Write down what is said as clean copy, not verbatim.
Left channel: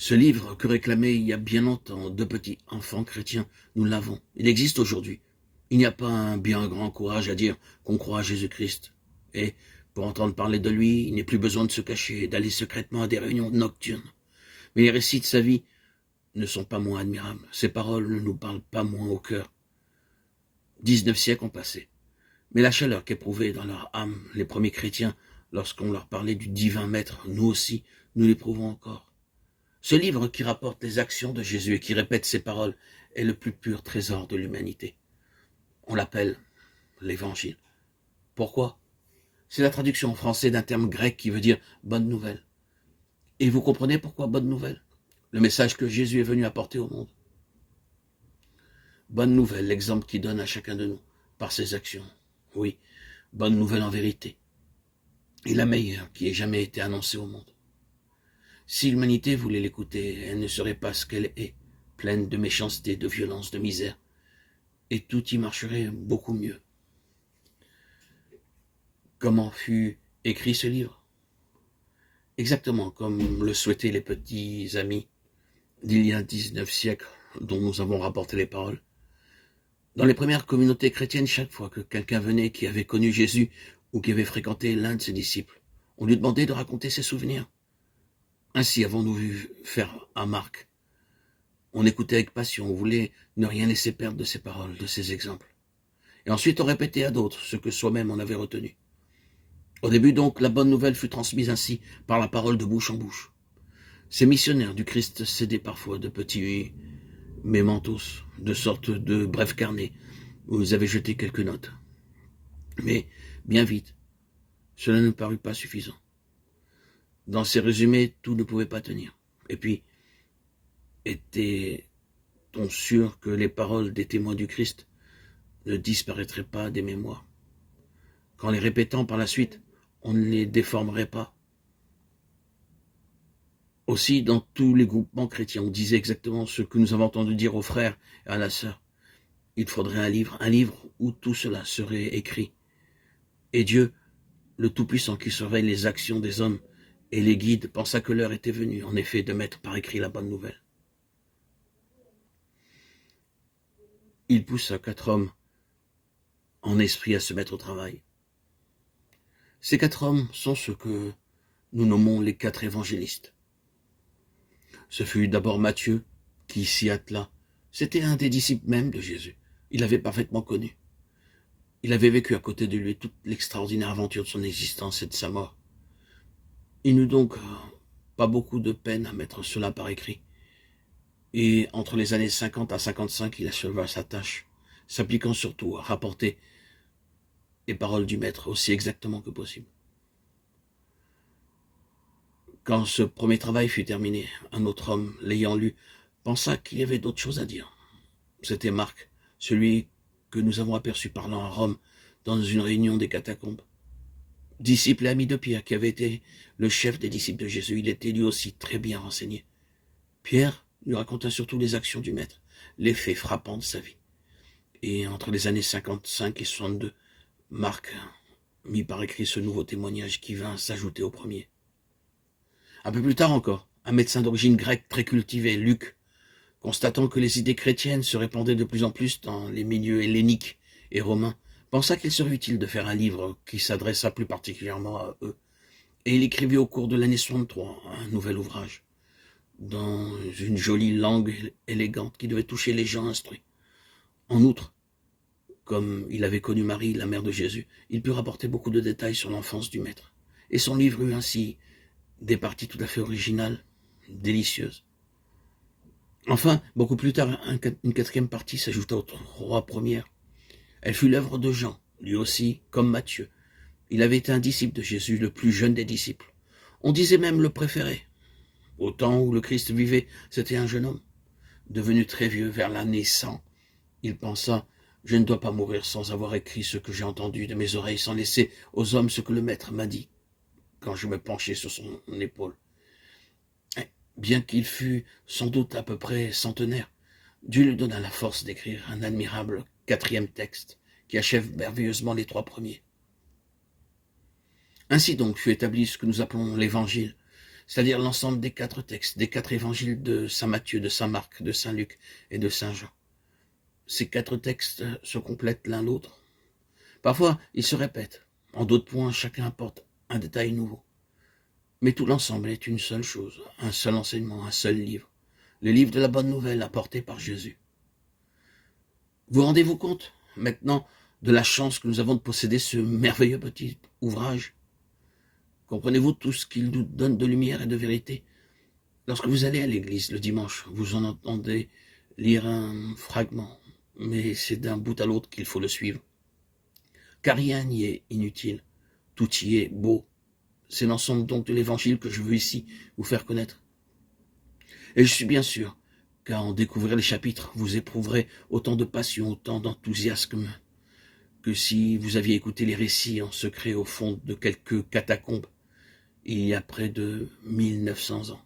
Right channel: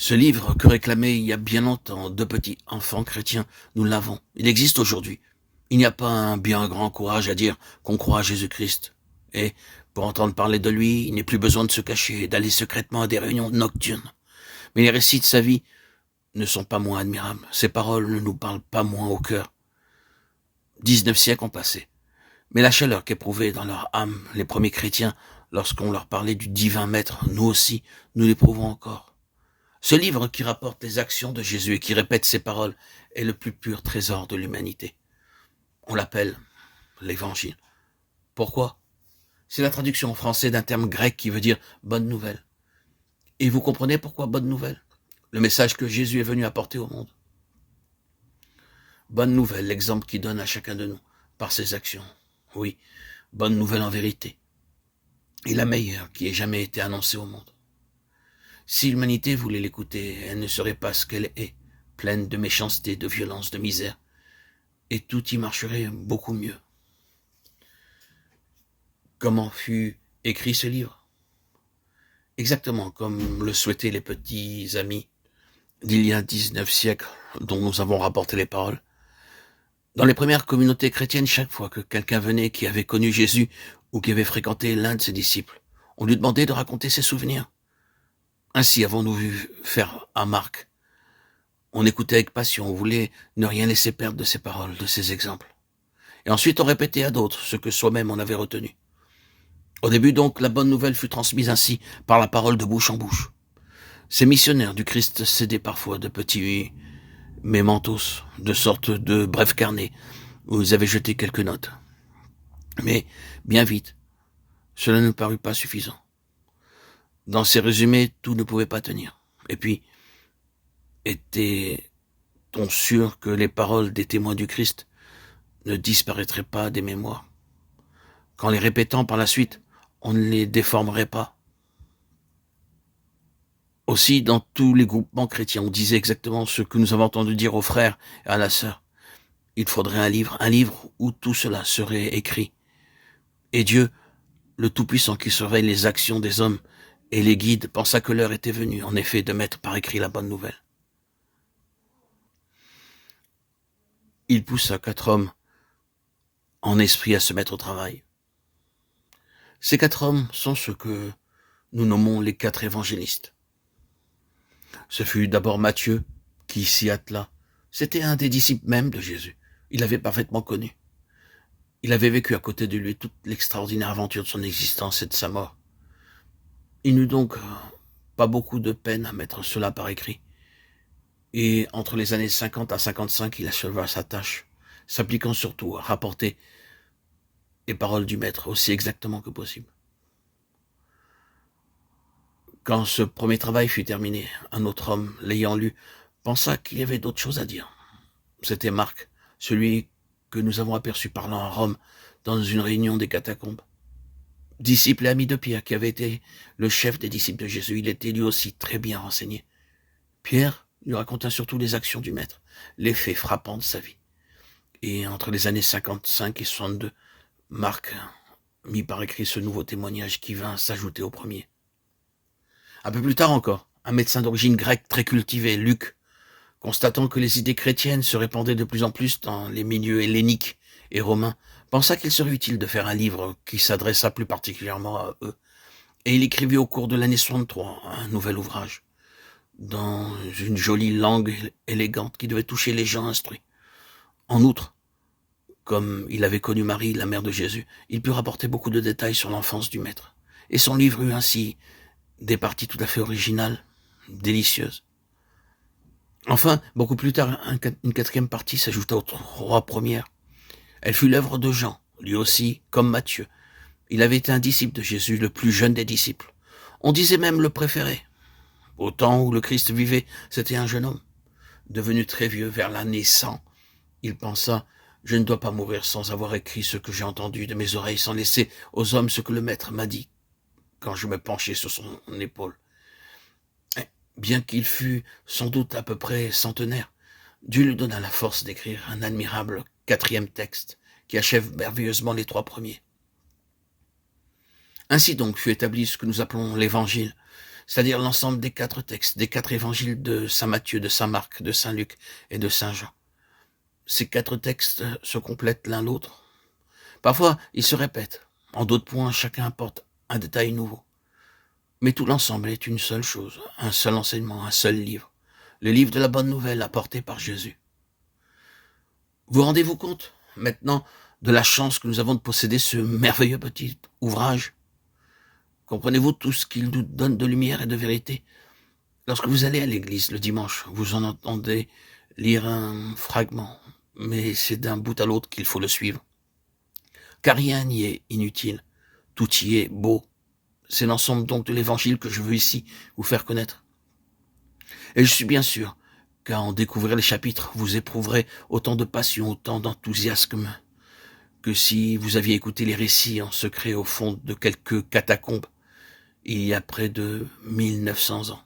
Ce livre que réclamaient il y a bien longtemps deux petits enfants chrétiens, nous l'avons. Il existe aujourd'hui. Il n'y a pas un bien grand courage à dire qu'on croit à Jésus-Christ. Et pour entendre parler de lui, il n'est plus besoin de se cacher et d'aller secrètement à des réunions nocturnes. Mais les récits de sa vie ne sont pas moins admirables. Ses paroles ne nous parlent pas moins au cœur. 19 siècles ont passé. Mais la chaleur qu'éprouvaient dans leur âme les premiers chrétiens lorsqu'on leur parlait du divin maître, nous aussi, nous l'éprouvons encore. Ce livre qui rapporte les actions de Jésus et qui répète ses paroles est le plus pur trésor de l'humanité. On l'appelle l'Évangile. Pourquoi? C'est la traduction en français d'un terme grec qui veut dire bonne nouvelle. Et vous comprenez pourquoi bonne nouvelle? Le message que Jésus est venu apporter au monde. Bonne nouvelle, l'exemple qu'il donne à chacun de nous par ses actions. Oui, bonne nouvelle en vérité. Et la meilleure qui ait jamais été annoncée au monde. Si l'humanité voulait l'écouter, elle ne serait pas ce qu'elle est, pleine de méchanceté, de violence, de misère. Et tout y marcherait beaucoup mieux. Comment fut écrit ce livre? Exactement comme le souhaitaient les petits amis d'il y a 19 siècles dont nous avons rapporté les paroles. Dans les premières communautés chrétiennes, chaque fois que quelqu'un venait qui avait connu Jésus ou qui avait fréquenté l'un de ses disciples, on lui demandait de raconter ses souvenirs. Ainsi avons-nous vu faire à Marc. On écoutait avec passion, on voulait ne rien laisser perdre de ses paroles, de ses exemples. Et ensuite on répétait à d'autres ce que soi-même on avait retenu. Au début donc, la bonne nouvelle fut transmise ainsi par la parole de bouche en bouche. Ces missionnaires du Christ cédaient parfois de petits mémentos, de sortes de brefs carnets, où ils avaient jeté quelques notes. Mais, bien vite, cela ne parut pas suffisant. Dans ces résumés, tout ne pouvait pas tenir. Et puis, était-on sûr que les paroles des témoins du Christ ne disparaîtraient pas des mémoires? Qu'en les répétant par la suite, on ne les déformerait pas? Aussi, dans tous les groupements chrétiens, on disait exactement ce que nous avons entendu dire aux frères et à la sœur. Il faudrait un livre où tout cela serait écrit. Et Dieu, le Tout-Puissant qui surveille les actions des hommes et les guide, pensa que l'heure était venue, en effet, de mettre par écrit la bonne nouvelle. Il poussa 4 hommes en esprit à se mettre au travail. Ces 4 hommes sont ceux que nous nommons les 4 évangélistes. Ce fut d'abord Matthieu qui s'y attela. C'était un des disciples même de Jésus. Il l'avait parfaitement connu. Il avait vécu à côté de lui toute l'extraordinaire aventure de son existence et de sa mort. Il n'eut donc pas beaucoup de peine à mettre cela par écrit. Et entre les années 50 à 55, il acheva sa tâche, s'appliquant surtout à rapporter les paroles du maître aussi exactement que possible. Quand ce premier travail fut terminé, un autre homme, l'ayant lu, pensa qu'il y avait d'autres choses à dire. C'était Marc, celui que nous avons aperçu parlant à Rome dans une réunion des catacombes. Disciple et ami de Pierre, qui avait été le chef des disciples de Jésus, il était lui aussi très bien renseigné. Pierre lui raconta surtout les actions du maître, les faits frappants de sa vie. Et entre les années 55 et 62, Marc mit par écrit ce nouveau témoignage qui vint s'ajouter au premier. Un peu plus tard encore, un médecin d'origine grecque très cultivé, Luc, constatant que les idées chrétiennes se répandaient de plus en plus dans les milieux helléniques et romains, pensa qu'il serait utile de faire un livre qui s'adressât plus particulièrement à eux. Et il écrivit au cours de l'année 63 un nouvel ouvrage, dans une jolie langue élégante qui devait toucher les gens instruits. En outre, comme il avait connu Marie, la mère de Jésus, il put rapporter beaucoup de détails sur l'enfance du maître. Et son livre eut ainsi des parties tout à fait originales, délicieuses. Enfin, beaucoup plus tard, une 4e partie s'ajouta aux 3 premières. Elle fut l'œuvre de Jean, lui aussi, comme Matthieu. Il avait été un disciple de Jésus, le plus jeune des disciples. On disait même le préféré. Au temps où le Christ vivait, c'était un jeune homme. Devenu très vieux, vers l'année 100, il pensa « Je ne dois pas mourir sans avoir écrit ce que j'ai entendu de mes oreilles, sans laisser aux hommes ce que le Maître m'a dit, quand je me penchai sur son épaule. » Bien qu'il fût sans doute à peu près centenaire, Dieu lui donna la force d'écrire un admirable 4e texte qui achève merveilleusement les 3 premiers. Ainsi donc fut établi ce que nous appelons l'Évangile. c'est-à-dire l'ensemble des 4 textes, des 4 évangiles de saint Matthieu, de saint Marc, de saint Luc et de saint Jean. Ces 4 textes se complètent l'un l'autre. Parfois, ils se répètent. En d'autres points, chacun apporte un détail nouveau. Mais tout l'ensemble est une seule chose, un seul enseignement, un seul livre. Le livre de la bonne nouvelle apporté par Jésus. Vous rendez-vous compte, maintenant, de la chance que nous avons de posséder ce merveilleux petit ouvrage? Comprenez-vous tout ce qu'il nous donne de lumière et de vérité? Lorsque vous allez à l'église le dimanche, vous en entendez lire un fragment, mais c'est d'un bout à l'autre qu'il faut le suivre. Car rien n'y est inutile, tout y est beau. C'est l'ensemble donc de l'évangile que je veux ici vous faire connaître. Et je suis bien sûr qu'à en découvrir les chapitres, vous éprouverez autant de passion, autant d'enthousiasme que si vous aviez écouté les récits en secret au fond de quelques catacombes il y a près de 1900 ans.